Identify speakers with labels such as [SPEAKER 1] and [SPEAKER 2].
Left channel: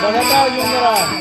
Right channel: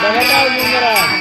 [SPEAKER 1] Baka tayo yung narang.